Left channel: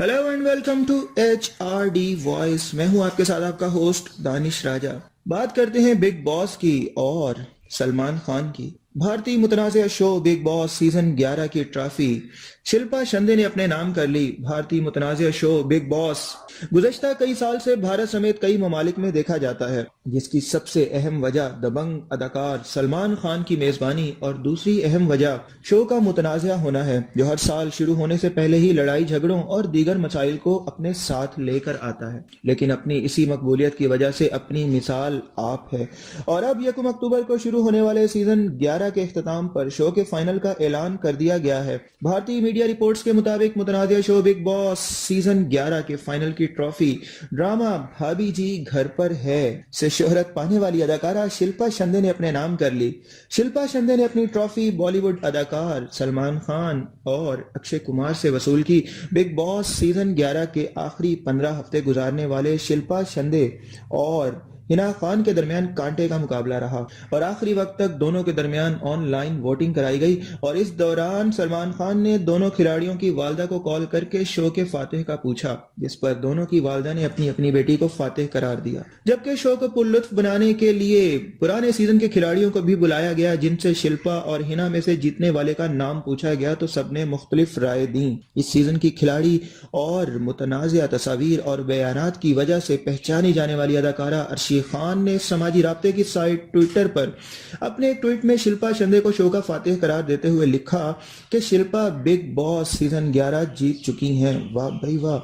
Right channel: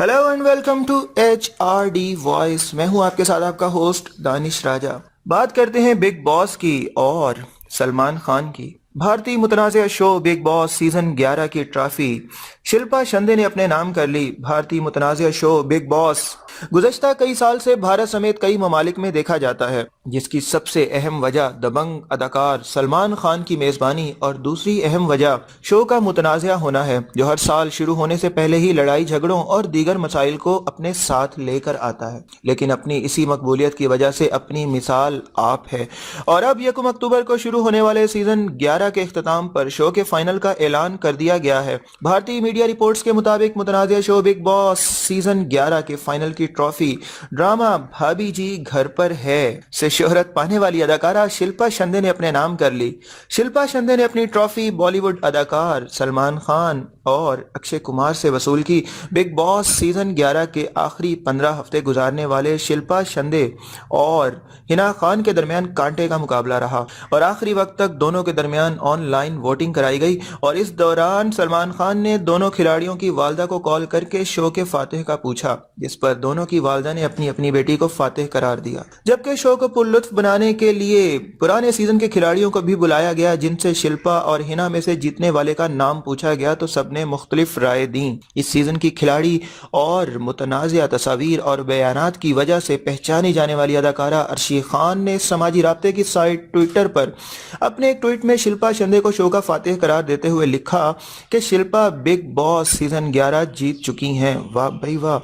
Hello and welcome to HRD voice. मैं हूं आपके साथ आपका होस्ट दानिश राजा। बात करते हैं बिग बॉस की और सलमान खान की। भारतीय मुतनाज़िया शो बिग बॉस सीजन 11 की ट्रॉफी शिल्पा शिंदे ने अपने नाम कर ली। भारतीय मुतनाज़िया शो बिग बॉस गुज़श्ता कई साल से भारत समेत कई ममालिक में देखा जाता है, जिसकी सबसे अहम वजह दबंग अदाकार सलमान खान की मेजबानी और दूसरी अहम वजह शो का मुतनाज़िया होना है, जो हर साल शुरू होने से पहले ही लड़ाई झगड़ों और दीगर मसाइल को अपने साथ लेकर आता है। लेकिन अपनी इसी मकबूलियत की वजह से अपनी मिसाल आप है। और अब 1 अक्टूबर को शुरू होने वाले सीजन 11 के इख्तिताम पर शो के फाइनल का ऐलान कर दिया गया है। भारतीय मीडिया रिपोर्ट्स के मुताबिक मुतनाज़िया शो बिग बॉस सीजन 11 के फाइनल की ट्रॉफी ड्रामा भाभी जी घर पर है से शोहरत पाने वाली अदाकारा शिल्पा शिंदे ने अपने नाम कर ली। शिल्पा शिंदे ने अपनी ट्रॉफी बॉलीवुड अदाकार सलमान खान और अक्षय कुमार से वसूल की। बिग बॉस सीजन 11 के आखिरी 15 हफ्ते गुजारने वाले शिल्पा शिंदे और हिना खान के दरमियान कांटे का मुकाबला रहा और आखिरी वक्त तक दोनों के दरमियान ऑनलाइन वोटिंग कराई गई। और इस दौरान सलमान खान ने दोनों खिलाड़ियों की वालदा को कॉल करके शो के फातिह का पूछा, जिस पर दोनों की वालदा ने अपनी अपनी बेटी को फातिह करार दिया। जबकि शो को पुरलुत्फ बनाने के लिए पुराने सीजन के खिलाड़ियों को भी बुलाया गया, जिनसे शिल्पा और हिना में से जीतने वाले का नाम पूछा गया तो सबने मुख्तलिफ राय दी। इस सीजन की खिलाड़ी और मुतनाज़िया तस्वीर और बयानात की वजह से पहचानी जाने वाली अदाकारा अर्शी खान ने समाजी राब्ते की साइट ट्विटर पर अपने एक ट्वीट में शिल्पा शिंदे को शो का फातिह करार देते हुए लिखा कि शिल्पा बिग बॉस सीजन 11 जीत चुकी हैं। वाह भाई वाह।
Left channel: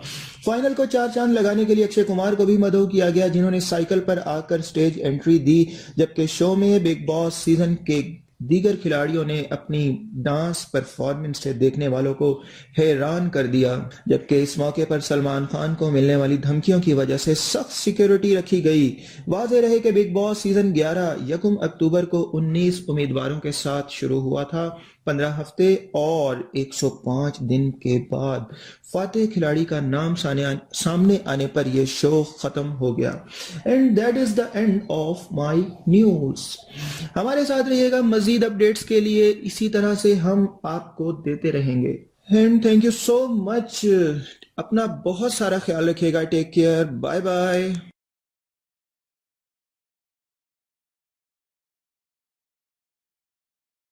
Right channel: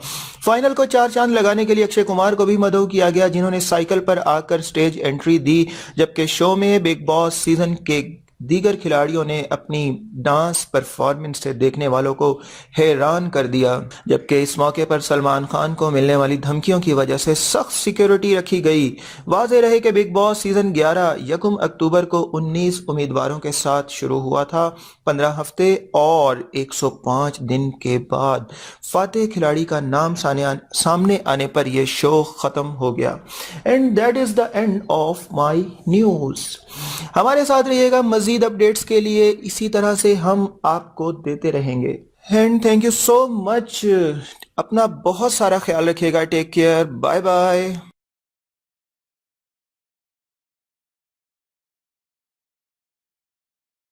फाइनल को 4 चांद लगाने के लिए अक्षय कुमार को भी मदऊ किया गया, जिन्होंने साइकिल पर आकर स्टेज एंट्री दी। जबकि शो में बिग बॉस सीजन के दीगर खिलाड़ियों ने अपनी डांस परफॉर्मेंस से देखने वालों को हैरान कर दिया। जबकि इस मौके पर सलमान खान को मिलने वाली धमकियों की वजह से सख्त सिक्योरिटी रखी गई। वाज़ेह रहे कि बिग बॉस सीजन 11 1 अक्टूबर को 19 उम्मीदवारों के साथ शुरू हुआ था। 15 हफ्ते और 105 दिन के बाद फातिह खिलाड़ी का नाम सामने आने पर यह शो खत्म हो गया। And that is the end of my news. हमारे साथ रहिएगा मजीद अपडेट्स के लिए, इसी तरह से हम आपको देते रहेंगे। And thank you so much. अपना बहुत सारा ख्याल रखिएगा। Take care. Bye bye.